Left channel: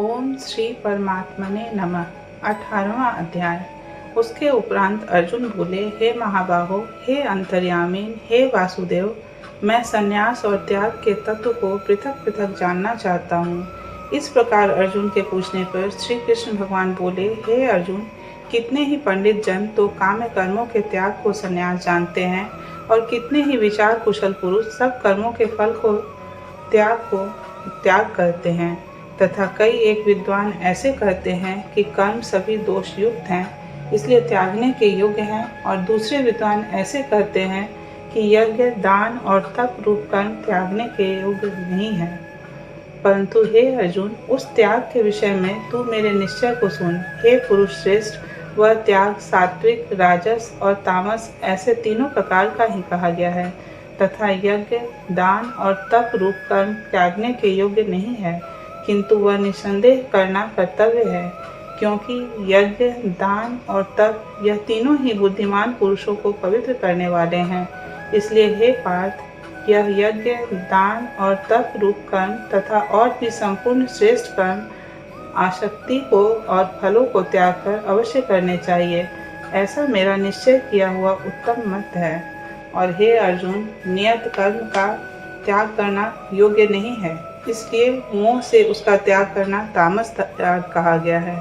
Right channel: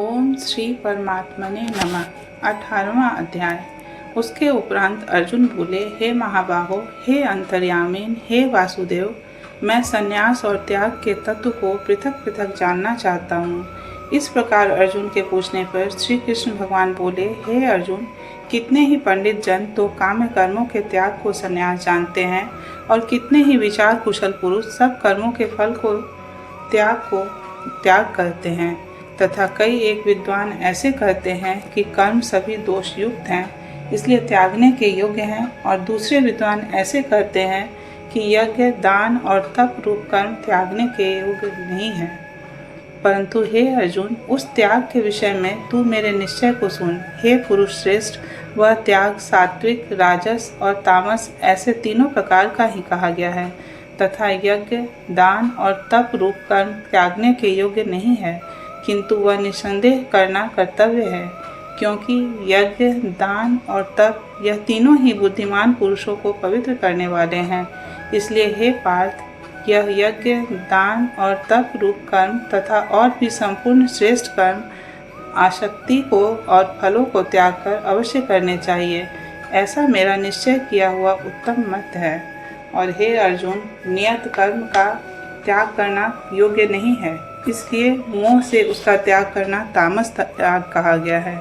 ओम श्री परमात्मने नमः। 18वां अध्याय। उसके उपरांत अर्जुन बोले, हे महाबाहो, हे अंतर्यामीन, हे वासुदेव, मैं संन्यास और त्याग के तत्व को पृथक पृथक जानना चाहता हूँ। इस प्रकार अर्जुन के पूछने पर श्री कृष्ण भगवान बोले, हे अर्जुन, कितने ही पंडित जन तो काम्य कर्मों के त्याग को संन्यास जानते हैं और कितने ही विचार कुशल पुरुष सब कर्मों के फल को त्याग करते हैं, तथा कई एक विद्वान ऐसे कहते हैं कि कर्म सभी दोष युक्त हैं, इसलिए त्यागने के योग्य हैं, और दूसरे विद्वान ऐसे कहते हैं कि यज्ञ, दान और तप रूप कर्म त्यागने के योग्य नहीं है। परंतु हे अर्जुन, उस त्याग के विषय में तू मेरे निश्चय को सुन। हे पुरुष श्रेष्ठ, वह त्याग सात्विक, राजस और तामस ऐसे तीनों प्रकार का ही कहा गया है, तथा यज्ञ, दान और तप रूप कर्म त्यागने के योग्य नहीं है, किंतु वह निसंदेह करना कर्तव्य है, क्योंकि यज्ञ, दान और तप यह तीनों ही बुद्धिमान पुरुषों को पवित्र करने वाले हैं। इसलिए हे पार्थ, यह यज्ञ, दान और तप रूप कर्म तथा और भी संपूर्ण श्रेष्ठ कर्म आसक्ति को और फलों को त्याग कर अवश्य करने चाहिए। ऐसा मेरा निश्चय किया हुआ उत्तम मत है। और हे अर्जुन, नियत कर्म का त्याग करना योग्य नहीं है, इसलिए मोह से उसका त्याग करना तामस त्याग कहा गया है।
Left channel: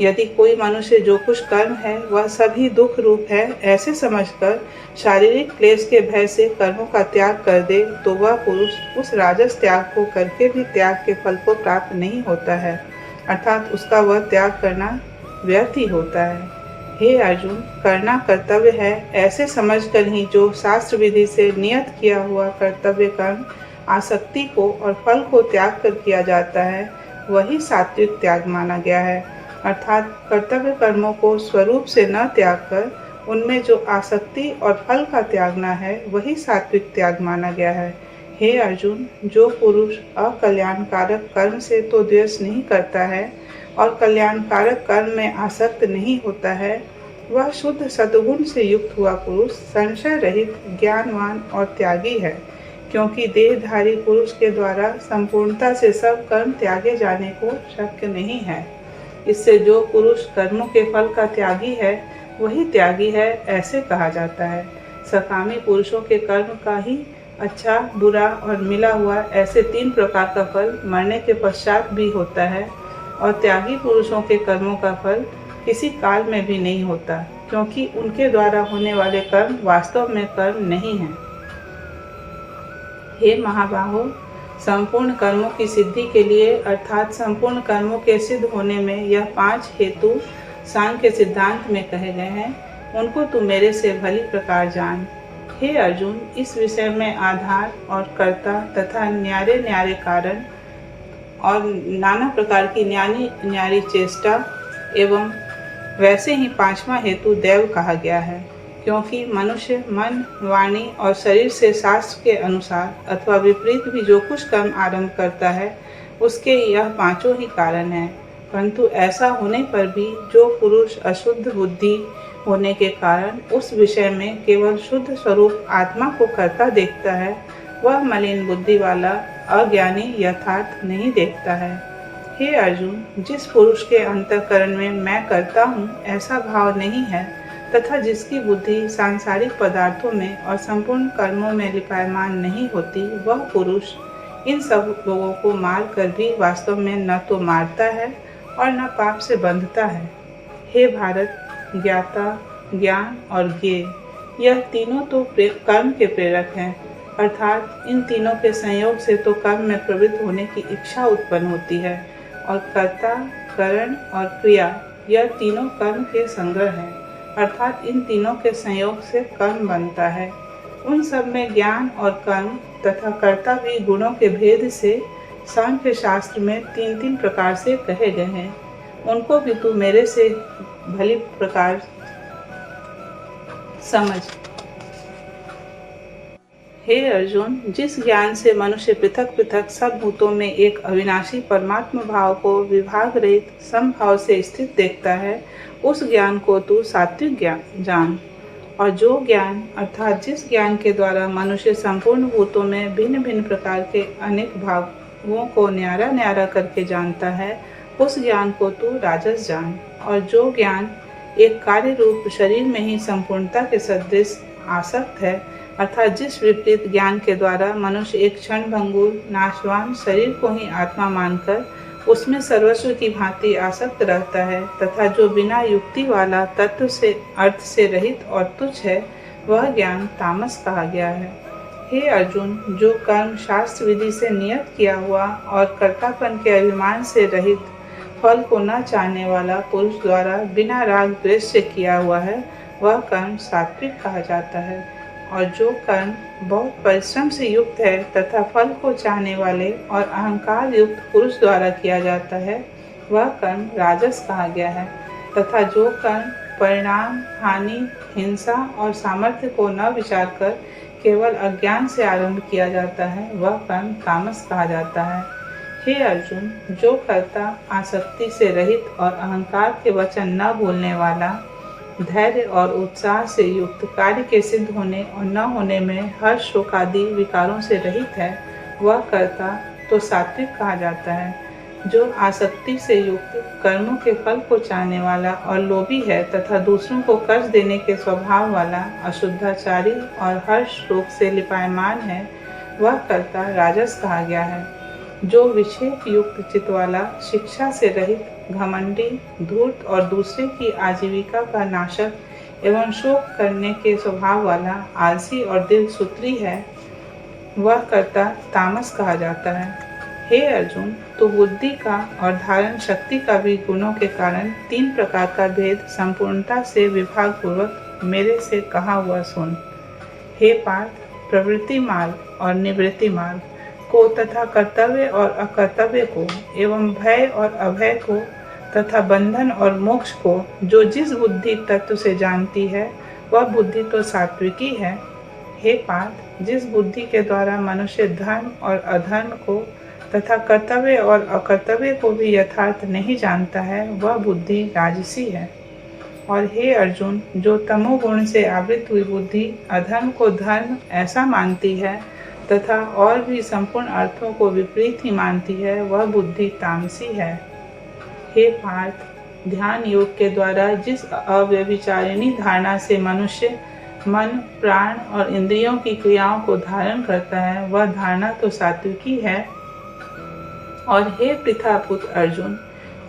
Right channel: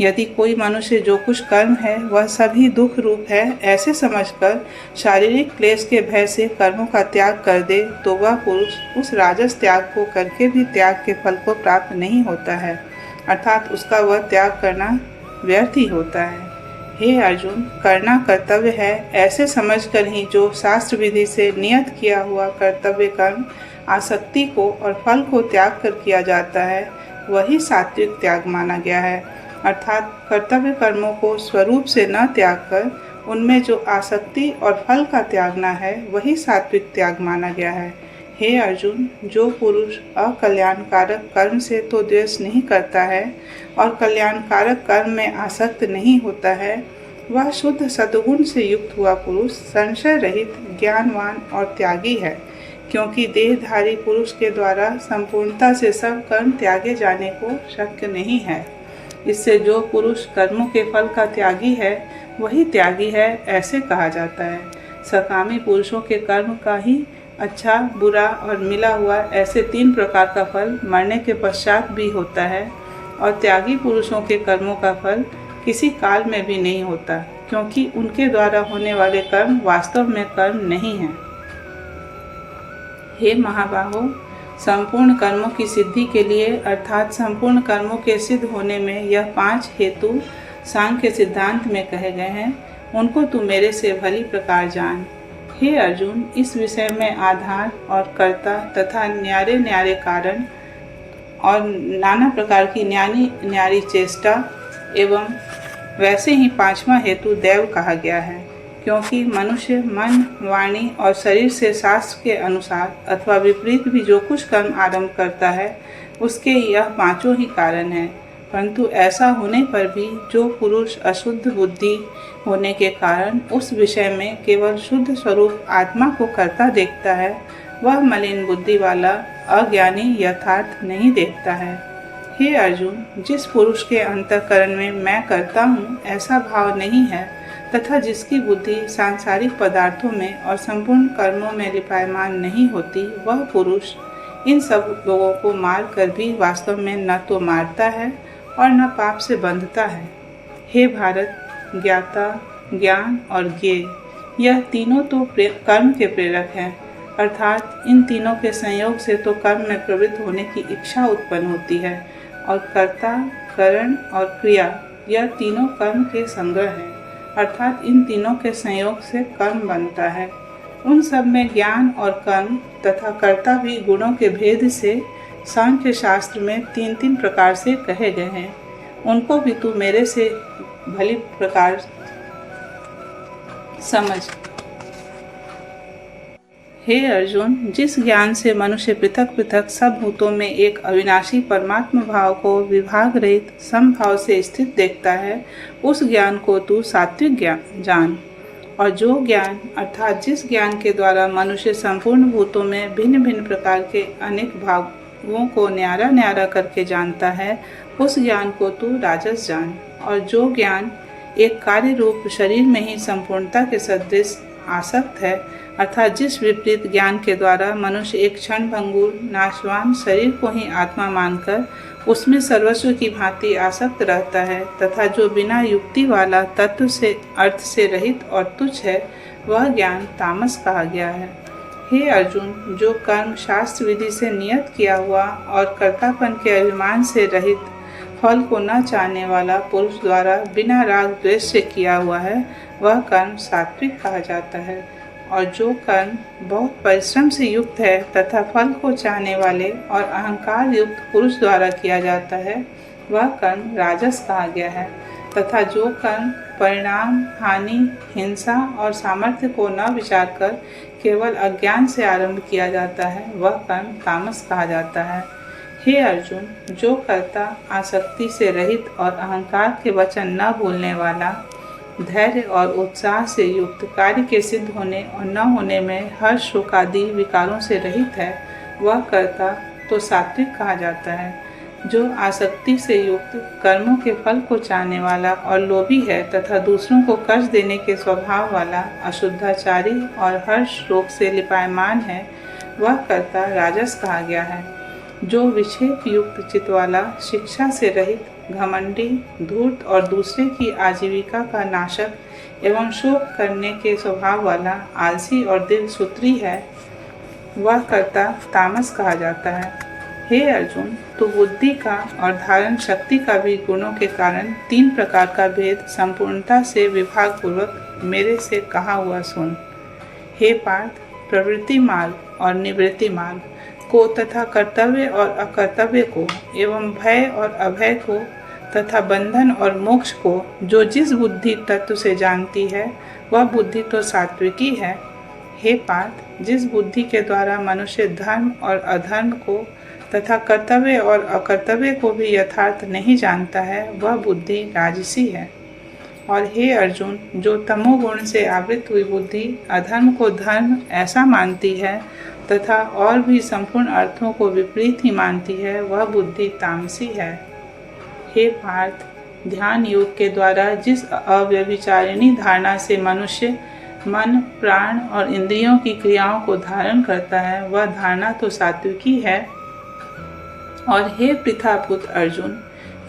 यदि कोई मनुष्य जो कुछ कर्म है वह सभी दुख रूप है ऐसे समझकर शारीरिक क्लेश के भय से कर्मों का त्याग कर दे, तो वह पुरुष उस राजस त्याग को करके भी त्याग के फल को प्राप्त नहीं होता है, अर्थात उसका वह त्याग करना व्यर्थ ही होता है। हे अर्जुन, करना कर्तव्य है ऐसे समझकर ही जो शास्त्र विधि से नियत किया हुआ कर्तव्य कर्म आसक्ति को और फल को त्याग कर किया जाता है, वही सात्विक त्याग माना गया है। अर्थात कर्तव्य कर्मों को स्वरूप से न त्याग कर उनमें जो आसक्ति और फल का त्यागना है, वही सात्विक त्याग माना गया है। हे अर्जुन, जो पुरुष अकल्याणकारक कर्म से तो द्वेष नहीं करता है और कल्याणकारक कर्म में आसक्त नहीं होता है, वह शुद्ध सद्गुण से युक्त हुआ पुरुष संशय रहित, ज्ञानवान और त्यागी है, क्योंकि देहधारी पुरुष के द्वारा संपूर्णता से सब कर्म त्यागे जाने को शक्य नहीं है। इससे जो पुरुष कर्मों के फल का त्यागी है वही त्यागी है ऐसे कहा जाता है। सकामी पुरुषों के कर्म का ही अच्छा, बुरा और मिला हुआ ऐसे तीन प्रकार का फल मरने के पश्चात भी होता है, और त्यागी पुरुषों के कर्मों का फल किसी काल में भी नहीं होता, क्योंकि उनके द्वारा होने वाले कर्म वास्तव में कर्म नहीं हैं। हे महाबाहो, संपूर्ण कर्मों की सिद्धि के लिए अर्थात संपूर्ण कर्मों के सिद्ध होने में यह 5 हेतु सांख्य सिद्धांत में कहे गए हैं, उनको तू मेरे से भली प्रकार जान। हे अर्जुन, इस विषय में आधार और कर्ता तथा न्यारे न्यारे कारण और नाना प्रकार की न्यारी चेष्टा एवं वैसे ही 5वां हेतु दैव कहा गया है, क्योंकि मनुष्य मन, वाणी और शरीर से शास्त्र के अनुसार अथवा विपरीत भी जो कुछ कर्म आरंभ करता है, उसके यह 5 ही कारण हैं। परंतु ऐसा होने पर भी जो पुरुष अशुद्ध बुद्धि होने के कारण उस विषय में केवल शुद्ध स्वरूप आत्मा को करता देखता है, वह मलिन बुद्धि वाला अज्ञानी यथार्थ नहीं देखता है। हे अर्जुन, जिस पुरुष के अंतःकरण में मैं करता हूँ ऐसा भाव नहीं है, तथा जिसकी बुद्धि सांसारिक पदार्थों में और संपूर्ण कर्मों में लिपायमान नहीं होती, वह पुरुष इन सब लोगों को मार कर भी वास्तव में न तो मारता है और न पाप से बंधता है। हे भारत, ज्ञाता, ज्ञान और ज्ञेय, यह तीनों तो कर्म के प्रेरक हैं, अर्थात इन तीनों के संयोग से तो कर्म में प्रवृत्त होने की इच्छा उत्पन्न होती है, और कर्ता, करण और क्रिया यह तीनों कर्म के संग्रह हैं, अर्थात इन तीनों के संयोग से कर्म बनता है। उन सब में ज्ञान और कर्म तथा कर्ता भी गुणों के भेद से सांख्य शास्त्र में 3-3 प्रकार से कहे गए हैं, उनको भी तू मेरे से भली प्रकार समझ। हे अर्जुन, जिस ज्ञान से मनुष्य पृथक पृथक सब भूतों में एक अविनाशी परमात्मा भाव को विभाग रहित समभाव से स्थित देखता है, उस ज्ञान को तू सात्विक ज्ञान जान। और जो ज्ञान अर्थात जिस ज्ञान के द्वारा मनुष्य संपूर्ण भूतों में भिन्न भिन्न प्रकार के अनेक भागों को न्यारा न्यारा करके जानता है, उस ज्ञान को तू राजस जान। और जो ज्ञान एक कार्य रूप शरीर में ही संपूर्णता के सदृश आसक्त है, अर्थात जिस विपरीत ज्ञान के द्वारा मनुष्य एक क्षण भंगुर नाशवान शरीर को ही आत्मा मानकर उसमें सर्वस्व की भांति आसक्त रहता है, तथा जो बिना युक्ति वाला तत्व से अर्थ से रहित और तुच्छ है, वह ज्ञान तामस कहा गया है। हे अर्जुन, जो कर्म शास्त्र विधि से नियत किया हुआ और कर्तापन के अभिमान से रहित फल को न चाहने वाला पुरुष द्वारा बिना राग द्वेष से किया हुआ है, वह कर्म सात्विक कहा जाता है। और जो कर्म बहुत परिश्रम से युक्त है तथा फल को चाहने वाले और अहंकार युक्त पुरुष द्वारा किया जाता है, वह कर्म राजस कहा गया है। तथा जो कर्म परिणाम, हानि, हिंसा और सामर्थ्य को न विचार कर केवल अज्ञान से आरंभ किया जाता है, वह कर्म तामस कहा जाता है। हे अर्जुन, जो कर्ता आसक्ति से रहित और अहंकार के वचन न भूलने वाला, धैर्य और उत्साह से युक्त कार्य के सिद्ध होने और न होने में हर्ष शोक आदि विकारों से रहित है, वह कर्ता तो सात्विक कहा जाता है। जो आसक्ति से युक्त कर्मों के फल को चाहने वाला और लोभी है तथा दूसरों को कष्ट देने के स्वभाव वाला अशुद्धाचारी और हर्ष शोक से लिपायमान है, वह कर्ता राजस कहा गया है। जो विक्षेप युक्त चित्त वाला, शिक्षा से रहित, घमंडी, धूर्त और दूसरे की आजीविका का नाशक एवं शोक करने के स्वभाव वाला आलसी और दिल सूत्री है, वह कर्ता तामस कहा जाता है। हे अर्जुन, तो बुद्धि का और धारण शक्ति का भी गुणों के कारण 3 प्रकार का भेद संपूर्णता से विभाग पूर्वक मेरे से कहा हुआ सुन। हे पार्थ, प्रवृत्ति मार्ग और निवृत्ति मार्ग को तथा कर्तव्य और अकर्तव्य को एवं भय और अभय को तथा बंधन और मोक्ष को जो जिस बुद्धि तत्व से जानती है, वह बुद्धि तो सात्विकी है। हे पार्थ, जिस बुद्धि के द्वारा मनुष्य धर्म और अधर्म को तथा कर्तव्य और अकर्तव्य को भी यथार्थ नहीं जानता है, वह बुद्धि राजसी है। और हे अर्जुन, जो तमोगुण से आवृत हुई बुद्धि अधर्म को धर्म ऐसा मानती है तथा और भी संपूर्ण अर्थों को विपरीत ही मानती है, वह बुद्धि तामसी है। हे पार्थ, ध्यान योग के द्वारा जिस अव्यभिचारिणी धारणा से मनुष्य मन, प्राण और इंद्रियों की क्रियाओं को धारण करता है, वह धारणा तो सात्विकी है। और हे पृथापुत्र अर्जुन,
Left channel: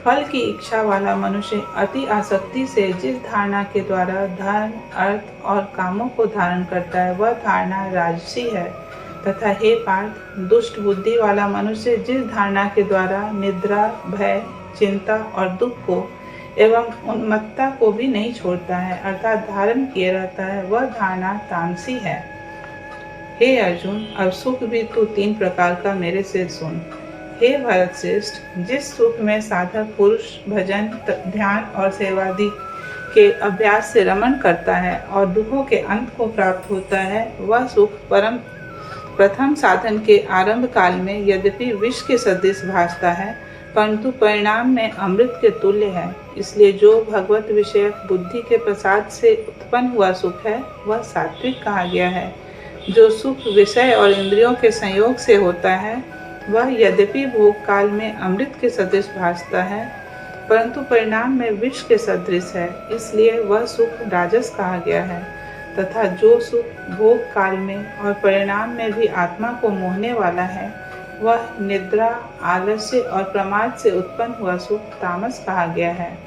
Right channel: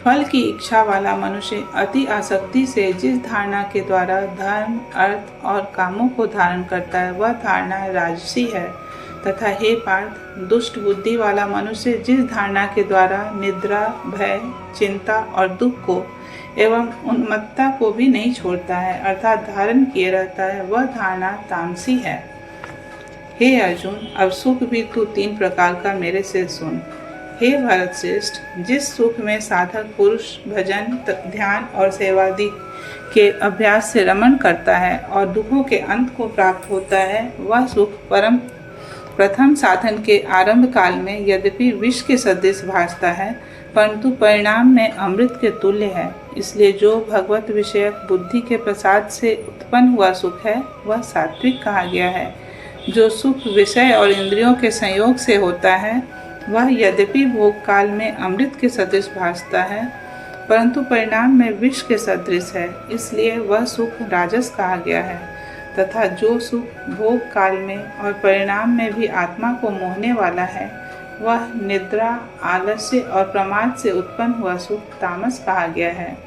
फल की इच्छा वाला मनुष्य अति आसक्ति से जिस धारणा के द्वारा धर्म, अर्थ और कामों को धारण करता है, वह धारणा राजसी है। तथा हे पार्थ, दुष्ट बुद्धि वाला मनुष्य जिस धारणा के द्वारा निद्रा, भय, चिंता और दुख को एवं उन्मत्तता को भी नहीं छोड़ता है, अर्थात धारण किए रहता है, वह धारणा तामसी है। हे अर्जुन, अब सुख भी तू 3 प्रकार का मेरे से सुन। हे भरत श्रेष्ठ, जिस सुख में साधक पुरुष भजन, ध्यान और सेवादि के अभ्यास से रमण करता है और दुखों के अंत को प्राप्त होता है, वह सुख प्रथम साधन के आरंभ काल में यद्यपि विष के सदृश भासता है, परंतु परिणाम में अमृत के तुल्य है। इसलिए जो भगवत विषयक बुद्धि के प्रसाद से उत्पन्न हुआ सुख है, वह सात्विक कहा गया है। जो सुख विषय और इंद्रियों के संयोग से होता है, वह यद्यपि भोग काल में अमृत के सदृश भासता है, परंतु परिणाम में विष के सदृश है, इसलिए वह सुख राजस कहा गया है। तथा जो सुख भोग काल में और परिणाम में भी आत्मा को मोहने वाला है, वह निद्रा, आलस्य और प्रमाद से उत्पन्न हुआ सुख तामस कहा गया है।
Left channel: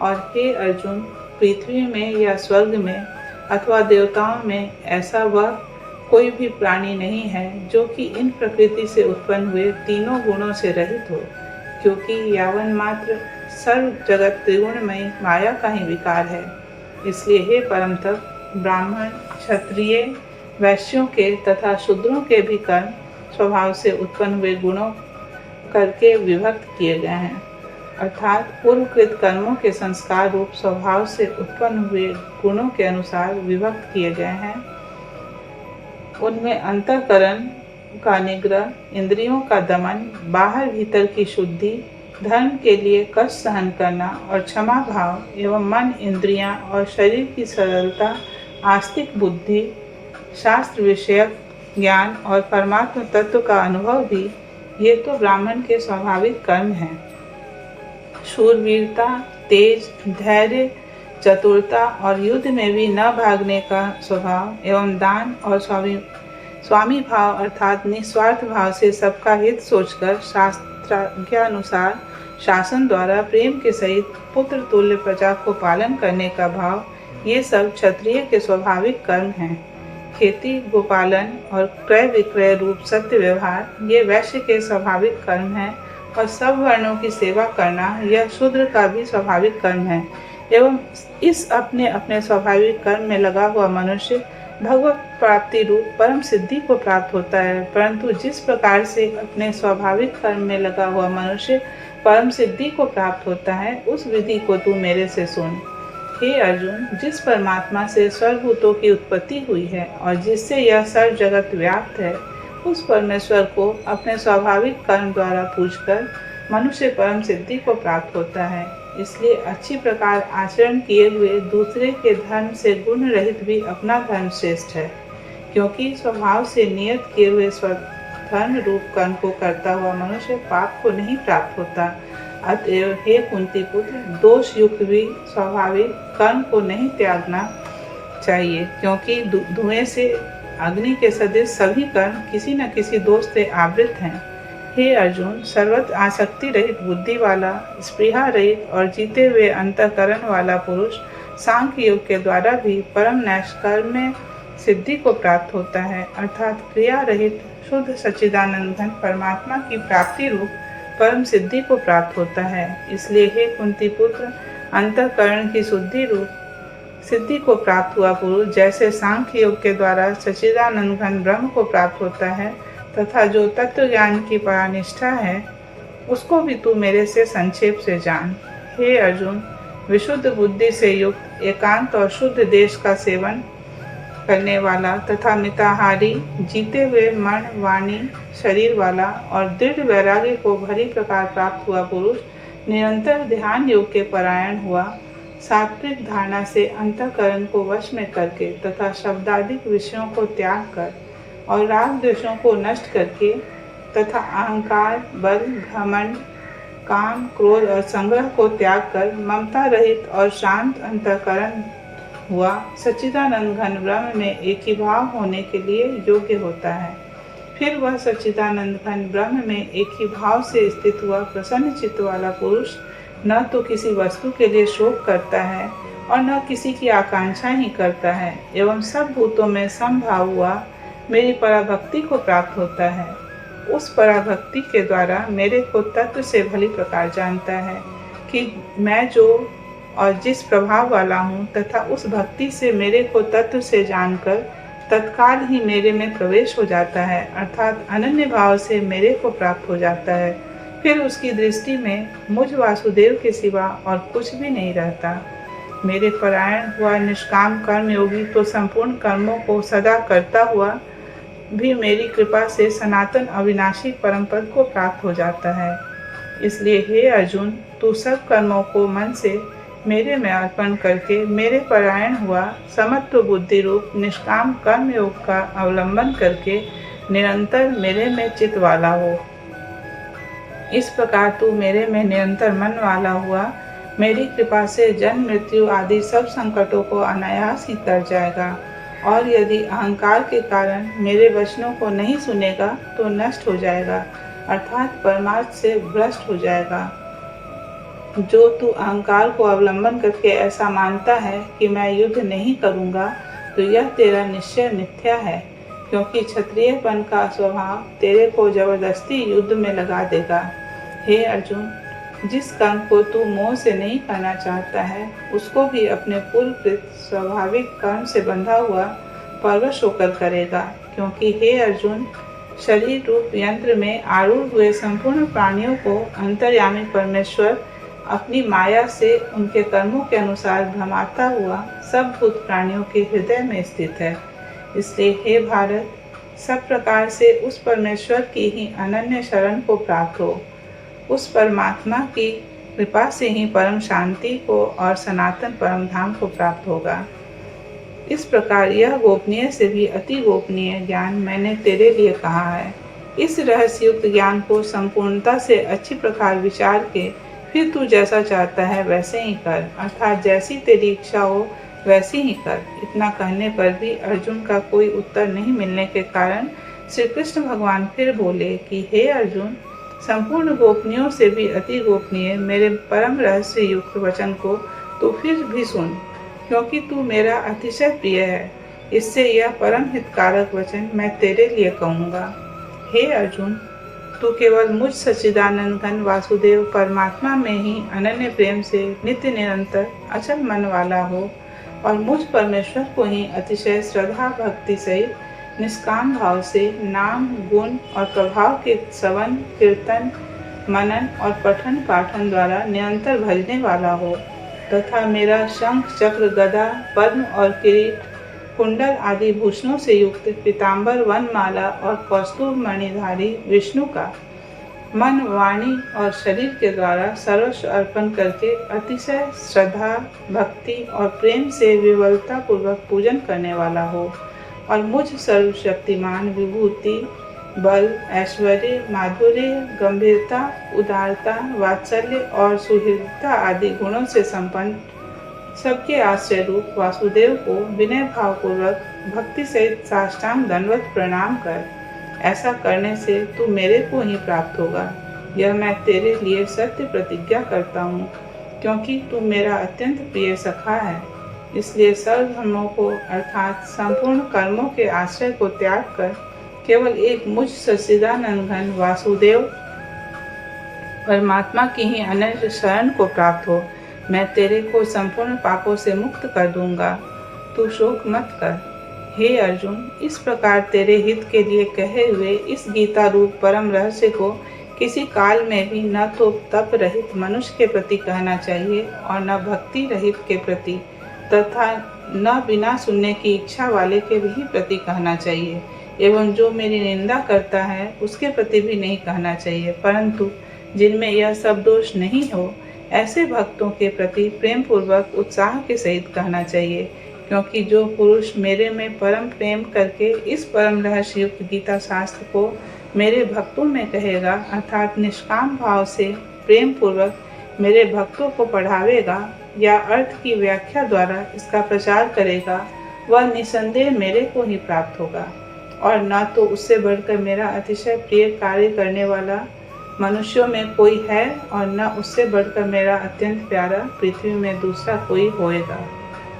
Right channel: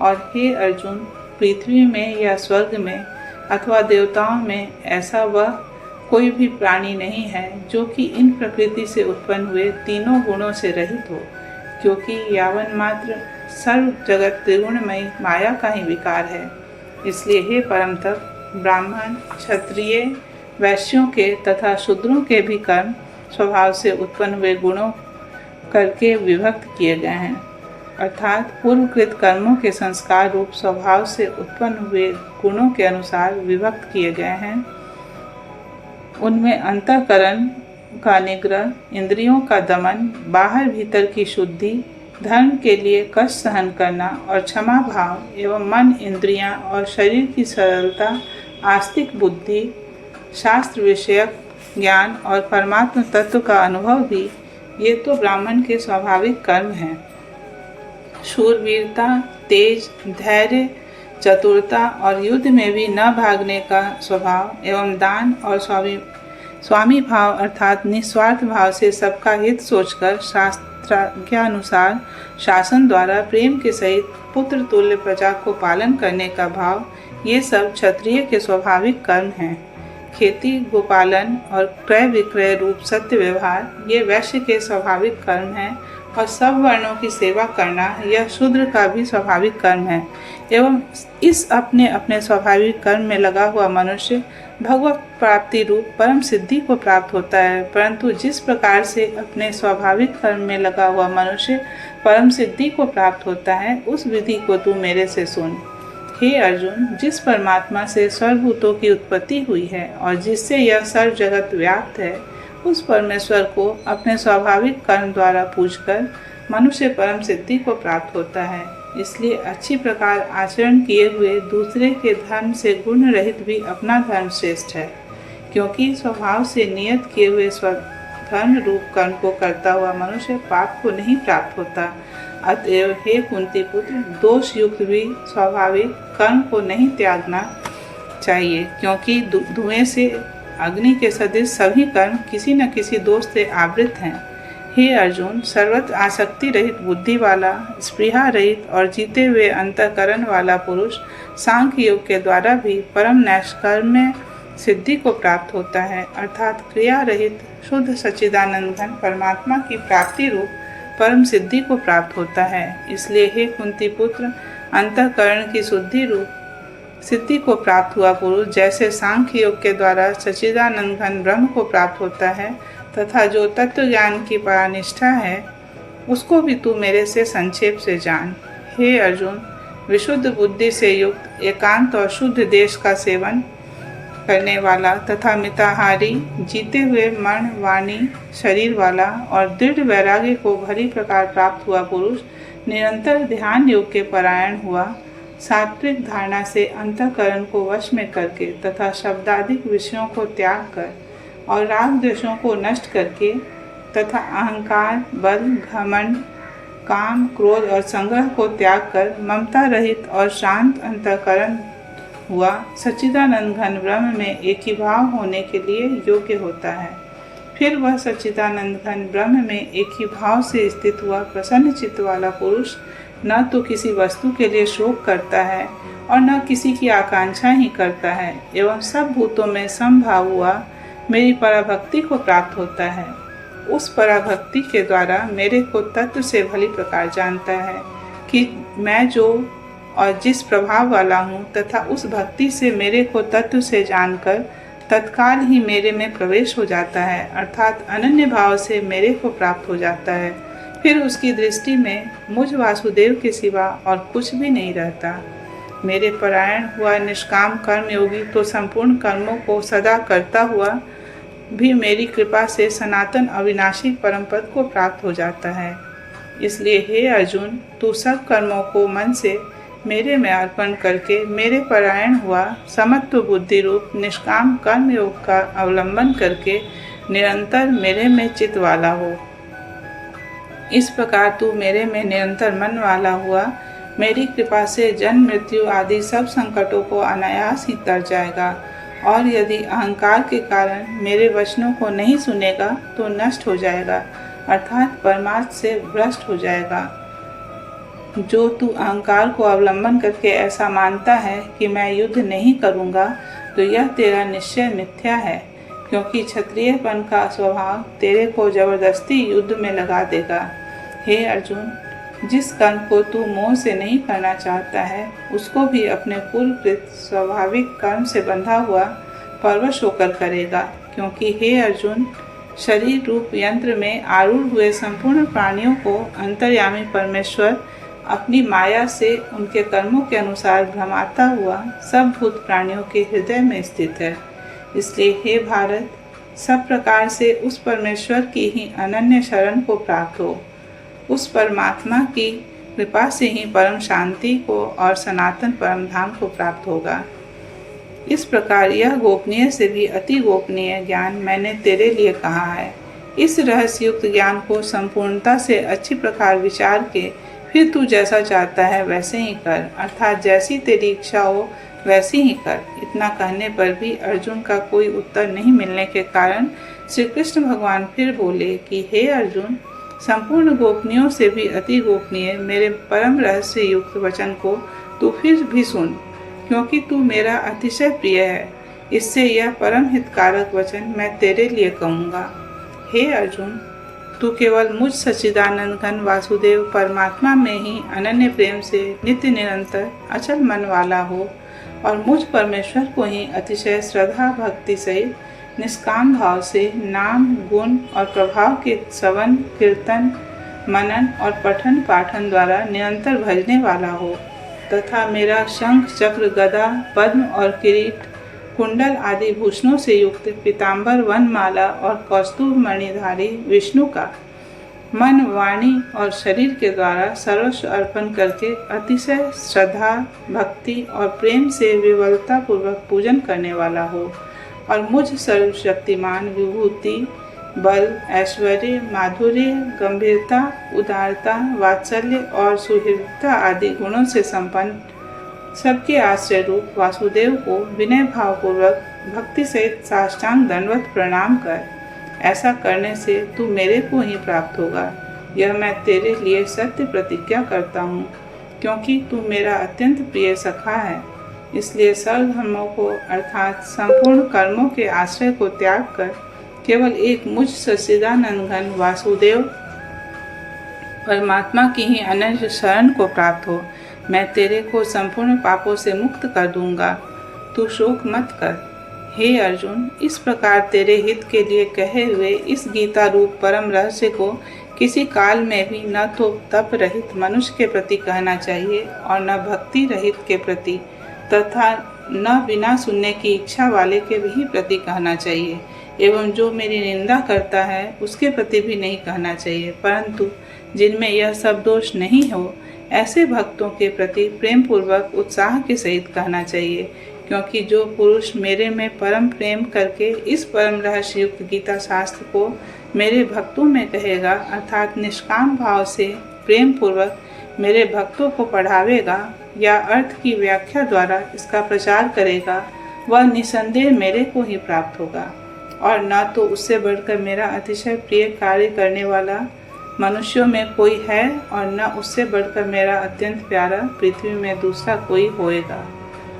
और हे अर्जुन, पृथ्वी में या स्वर्ग में अथवा देवताओं में ऐसा वह कोई भी प्राणी नहीं है जो कि इन प्रकृति से उत्पन्न हुए तीनों गुणों से रहित हो, क्योंकि यावन मात्र सर्व जगत त्रिगुणमयी माया का ही विकार है। इसलिए हे परम तप, ब्राह्मण, क्षत्रिय, वैश्यों के तथा शूद्रों के भी कर्म स्वभाव से उत्पन्न हुए गुणों करके विभक्त किए गए हैं, अर्थात पूर्वकृत कर्मों के संस्कार रूप स्वभाव से उत्पन्न हुए गुणों के अनुसार विभक्त किए गए हैं। उनमें अंतःकरण का निग्रह, इंद्रियों का दमन, बाहर भीतर की शुद्धि, धर्म के लिए कष्ट सहन करना और क्षमा भाव एवं मन, इंद्रियां और शरीर की सरलता, आस्तिक बुद्धि, शास्त्र विषयक ज्ञान और परमात्म तत्व का अनुभव भी, ये तो ब्राह्मण के स्वाभाविक कर्म हैं। शूरवीरता, तेज, धैर्य, चतुरता और युद्ध में भी न भागने का स्वभाव एवं दान और स्वामी भाव अर्थात निस्वार्थ भाव से सबका हित सोचकर शास्त्राज्ञानुसार शासन द्वारा प्रेम के सहित पुत्र तुल्य प्रजा को पालन करने का भाव, ये सब क्षत्रिय के स्वाभाविक कर्म हैं। खेती, गोपालन और क्रय विक्रय रूप सत्य व्यवहार ये वैश्य के स्वाभाविक कर्म हैं और सब वर्णों की सेवा करना यह शूद्र का भी स्वाभाविक कर्म है। एवं इस अपने अपने स्वाभाविक कर्म में लगा हुआ मनुष्य भगवत प्राप्ति रूप परम सिद्धि को प्राप्त होता है। परंतु जिस प्रकार से अपने स्वाभाविक कर्म में लगा हुआ मनुष्य परम सिद्धि को प्राप्त होता है, उस विधि को तू मेरे से सुन। हे अर्जुन, जिस परमात्मा से सर्वभूतों की उत्पत्ति हुई है और जिससे यह सर्व जगत व्याप्त है, उस परमेश्वर को अपने स्वाभाविक कर्म द्वारा पूजकर मनुष्य परम सिद्धि को प्राप्त होता है। इसलिए अच्छी प्रकार आचरण किए हुए दूसरे के धर्म से गुण रहित भी अपना धर्म श्रेष्ठ है, क्योंकि स्वभाव से नियत किए हुए स्वधर्म रूप कर्म को करता हुआ मनुष्य पाप को नहीं प्राप्त होता। अतएव हे कुंती पुत्र, दोष युक्त भी स्वाभाविक कर्म को नहीं त्यागना चाहिए, क्योंकि धुएं से अग्नि के सदृश सभी कर्म किसी न किसी दोष से आवृत हैं। हे अर्जुन, सर्वत्र आसक्ति रहित बुद्धि वाला, स्पृहा रहित और जीते हुए अंतःकरण वाला पुरुष सांख्य योग के द्वारा भी परम नैष्कर्म्य सिद्धि को प्राप्त होता है, अर्थात क्रिया रहित शुद्ध सच्चिदानंद घन परमात्मा की प्राप्ति रूप परम सिद्धि को प्राप्त होता है। इसलिए हे कुंती पुत्र, अंतःकरण की शुद्धि रूप सिद्धि को प्राप्त हुआ पुरुष जैसे सांख्य योग के द्वारा सच्चिदानंद घन ब्रह्म को प्राप्त होता है, तथा जो तत्व ज्ञान की परानिष्ठा है, उसको भी तू मेरे से संक्षेप से जान। हे अर्जुन, विशुद्ध बुद्धि से युक्त, एकांत और शुद्ध देश का सेवन करने वाला तथा मिताहारी, जीते हुए मन, वाणी, शरीर वाला और दृढ़ वैराग्य को भली प्रकार प्राप्त हुआ पुरुष निरंतर ध्यान योग के परायण हुआ, सात्विक धारणा से अंतःकरण को वश में करके तथा शब्दादिक विषयों को त्याग कर और राग द्वेषों को नष्ट करके तथा अहंकार, बल, घमंड, काम, क्रोध और संग्रह को त्याग कर ममता रहित और शांत अंतःकरण हुआ, सच्चिदानंद घन ब्रह्म में एक ही भाव होने के लिए योग्य होता है। फिर वह सच्चिदानंद घन ब्रह्म में एक ही भाव से स्थित हुआ प्रसन्न चित्त वाला पुरुष न तो किसी वस्तु के लिए शोक करता है और न किसी की आकांक्षा ही करता है, एवं सब भूतों में समभाव हुआ मेरी पराभक्ति को प्राप्त होता है। उस पराभक्ति के द्वारा मेरे को तत्व से भली प्रकार जानता है कि मैं जो और जिस प्रभाव वाला हूँ, तथा उस भक्ति से मेरे को तत्व से जानकर तत्काल ही मेरे में प्रवेश हो जाता है, अर्थात अनन्य भाव से मेरे को प्राप्त हो जाता है। फिर उसकी दृष्टि में मुझ वासुदेव के सिवा और कुछ भी नहीं रहता। मेरे परायण हुआ निष्काम कर्म योगी तो संपूर्ण कर्मों को सदा करता हुआ भी मेरी कृपा से सनातन अविनाशी परम पद को प्राप्त हो जाता है। इसलिए हे अर्जुन, तू सब कर्मों को मन से मेरे में अर्पण करके मेरे परायण हुआ समत्व बुद्धि रूप निष्काम कर्म योग का अवलंबन करके निरंतर मेरे में चित वाला हो। इस प्रकार तू मेरे में निरंतर मन वाला हुआ मेरी कृपा से जन्म मृत्यु आदि सब संकटों को अनायास ही तर जाएगा, और यदि अहंकार के कारण मेरे वचनों को नहीं सुनेगा तो नष्ट हो जाएगा, अर्थात परमार्थ से भ्रष्ट हो जाएगा। जो तू अहंकार को अवलंबन करके ऐसा मानता है कि मैं युद्ध नहीं करूँगा, तो यह तेरा निश्चय मिथ्या है, क्योंकि क्षत्रियपन का स्वभाव तेरे को जबरदस्ती युद्ध में लगा देगा। हे अर्जुन, जिस कर्म को तू मोह से नहीं करना चाहता है, उसको भी अपने पूर्वकृत स्वाभाविक कर्म से बंधा हुआ परवश होकर करेगा, क्योंकि हे अर्जुन, शरीर रूप यंत्र में आरूढ़ हुए संपूर्ण प्राणियों को अंतर्यामी परमेश्वर अपनी माया से उनके कर्मों के अनुसार भ्रमाता हुआ सब भूत प्राणियों के हृदय में स्थित है। इसलिए हे भारत, सब प्रकार से उस परमेश्वर की ही अनन्य शरण को प्राप्त हो। उस परमात्मा की कृपा से ही परम शांति को और सनातन परम धाम को प्राप्त होगा। इस प्रकार यह गोपनीय से भी अति गोपनीय ज्ञान मैंने तेरे लिए कहा है। इस रहस्युक्त ज्ञान को संपूर्णता से अच्छी प्रकार विचार के फिर तू जैसा चाहता है वैसे ही कर, अर्थात जैसी तेरी इच्छा हो वैसी ही कर। इतना कहने पर भी अर्जुन का कोई उत्तर नहीं मिलने के कारण श्री कृष्ण भगवान फिर बोले कि हे अर्जुन, संपूर्ण गोपनीयों से भी अति गोपनीय मेरे परम रहस्य युक्त वचन को तू फिर भी सुन, क्योंकि तू मेरा अतिशय प्रिय है। इससे यह परम हितकारक वचन मैं तेरे लिए कहूँगा। हे अर्जुन, तू केवल मुझ सच्चिदानंद घन वासुदेव परमात्मा में ही अनन्य प्रेम से नित्य निरंतर अचल मन वाला हो और मुझ परमेश्वर को ही अतिशय श्रद्धा भक्ति सहित निष्काम भाव से नाम गुण और प्रभाव के श्रवण कीर्तन मनन और पठन पाठन द्वारा निरंतर भजने वाला हो, तथा मेरा शंख चक्र गदा पद्म और किरीट कुंडल आदि भूषणों से युक्त पीताम्बर वनमाला और कौस्तुभ मणिधारी विष्णु का मन वाणी और शरीर के द्वारा सर्वस्व अर्पण करके अतिशय श्रद्धा भक्ति और प्रेम से विवलता पूर्वक पूजन करने वाला हो और मुझ सर्वशक्तिमान विभूति बल ऐश्वर्य माधुर्य गंभीरता उदारता वात्सल्य और सुहृदता आदि गुणों से संपन्न सबके आश्रय रूप वासुदेव को विनय भाव पूर्वक भक्ति सहित साष्टांग दंडवत प्रणाम कर। ऐसा करने से तू मेरे को ही प्राप्त होगा। यह मैं तेरे लिए सत्य प्रतिज्ञा करता हूँ, क्योंकि तू मेरा अत्यंत प्रिय सखा है। इसलिए सर्व धर्मों को अर्थात संपूर्ण कर्मों के आश्रय को त्याग कर केवल एक मुझ सच्चिदानंद घन वासुदेव परमात्मा की ही अनन्य शरण को प्राप्त हो। मैं तेरे को संपूर्ण पापों से मुक्त कर दूंगा, तू शोक मत कर। हे अर्जुन, इस प्रकार तेरे हित के लिए कहे हुए इस गीता रूप परम रहस्य को किसी काल में भी न तो तप रहित मनुष्य के प्रति कहना चाहिए और न भक्ति रहित के प्रति तथा न बिना सुनने की इच्छा वाले के भी प्रति कहना चाहिए, एवं जो मेरी निंदा करता है उसके प्रति भी नहीं कहना चाहिए, परंतु जिनमें यह सब दोष नहीं हो ऐसे भक्तों के प्रति प्रेम पूर्वक उत्साह के सहित कहना चाहिए। क्योंकि जो पुरुष मेरे में परम प्रेम करके इस परम रहस्य युक्त गीता शास्त्र को मेरे भक्तों में कहेगा, अर्थात निष्काम भाव से प्रेम पूर्वक मेरे भक्तों को पढ़ावेगा या अर्थ की व्याख्या द्वारा इसका प्रचार करेगा, वह निसंदेह मेरे को ही प्राप्त होगा। और न तो उससे बढ़कर मेरा अतिशय प्रिय कार्य करने वाला मनुष्यों में कोई है और न उससे बढ़कर मेरा अत्यंत प्यारा पृथ्वी में दूसरा कोई होएगा।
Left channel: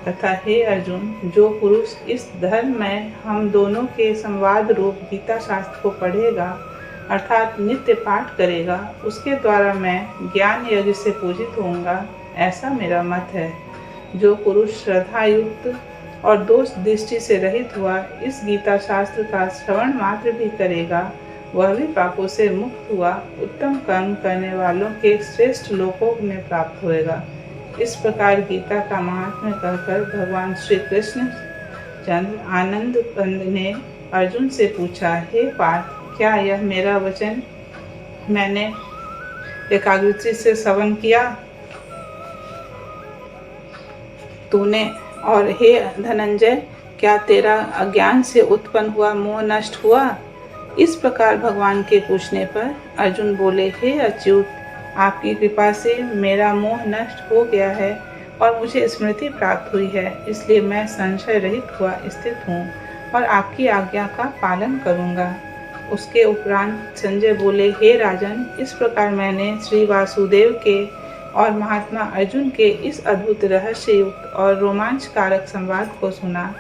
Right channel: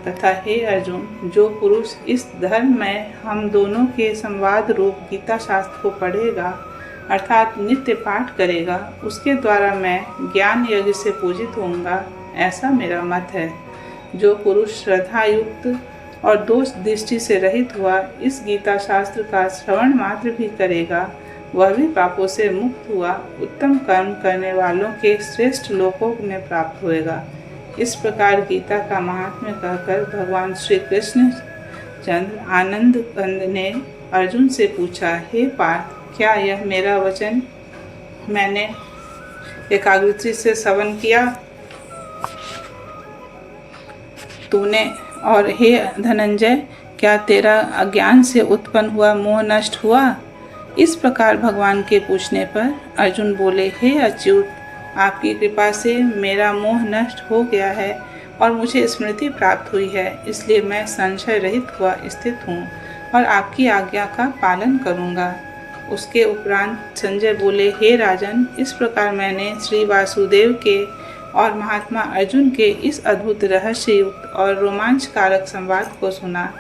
तथा हे अर्जुन, जो पुरुष इस धर्म में हम दोनों के संवाद रूप गीता शास्त्र को पढ़ेगा अर्थात नित्य पाठ करेगा, उसके द्वारा मैं ज्ञान यज्ञ से पूजित होऊंगा, ऐसा मेरा मत है। जो पुरुष श्रद्धा युक्त और दोष दृष्टि से रहित हुआ इस गीता शास्त्र का श्रवण मात्र भी करेगा, वह भी पापों से मुक्त हुआ उत्तम कर्म करने वालों के श्रेष्ठ लोकों में प्राप्त होएगा। इस प्रकार गीता का महात्म्य कहकर भगवान श्री कृष्ण चंद्र आनंद कंद ने अर्जुन से पूछा, हे पार्थ, क्या यह मेरा वचन मैंने एकाग्रता से श्रवण किया तूने? और हे धनंजय, क्या तेरा अज्ञान से उत्पन्न हुआ मोह नष्ट हुआ? इस प्रकार भगवान के पूछने पर अर्जुन बोले, हे अच्युत, आपकी कृपा से मेरा मोह नष्ट हो गया है और मुझे स्मृति प्राप्त हुई है, इसलिए मैं संशय रहित हुआ स्थित हूँ और आपकी आज्ञा का पालन करूँगा। उसके उपरांत संजय बोले, हे राजन, इस प्रकार मैंने श्री वासुदेव के और महात्मा अर्जुन के इस अद्भुत रहस्य युक्त और रोमांचकारक संवाद को सुना।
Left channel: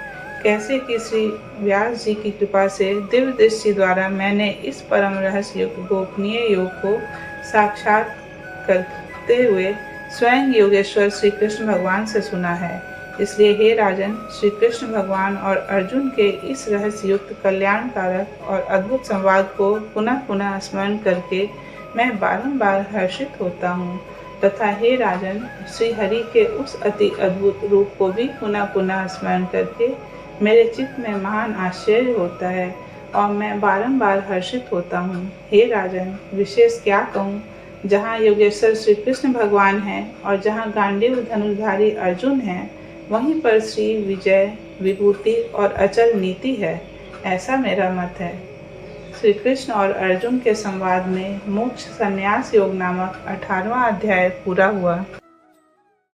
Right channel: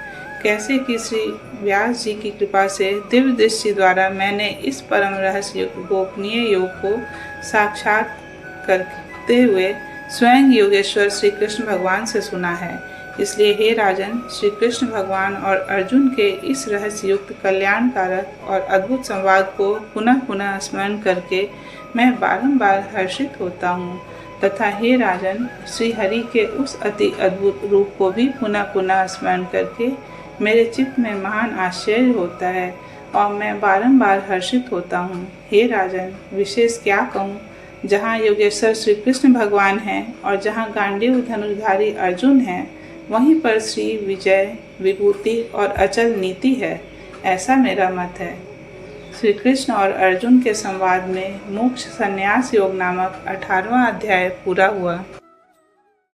कैसे कि श्री व्यास जी की कृपा से दिव्य दृष्टि द्वारा मैंने इस परम रहस्य युक्त गोपनीय योग को साक्षात करते हुए स्वयं योगेश्वर श्री कृष्ण भगवान से सुना है। इसलिए हे राजन, श्री कृष्ण भगवान और अर्जुन के इस रहस्य युक्त कल्याणकारक और अद्भुत संवाद को पुनः पुनः स्मरण करके मैं बारंबार हर्षित होता हूँ, तथा हे राजन, श्री हरि के उस अति अद्भुत रूप को भी पुनः पुनः स्मरण करके मेरे चित्त में महान आश्चर्य होता है और मैं बारंबार हर्षित होता हूँ। हे राजन, विशेष क्या कहूँ, जहाँ योगेश्वर श्री कृष्ण भगवान हैं और जहाँ गांडीव धनुर्धारी अर्जुन हैं, वहीं पर श्री विजय विभूति और अचल नीति है, ऐसा मेरा मत है। श्री कृष्ण और अर्जुन के संवाद में मोक्ष संन्यास योग नामक 18वां अध्याय पूरा हुआ।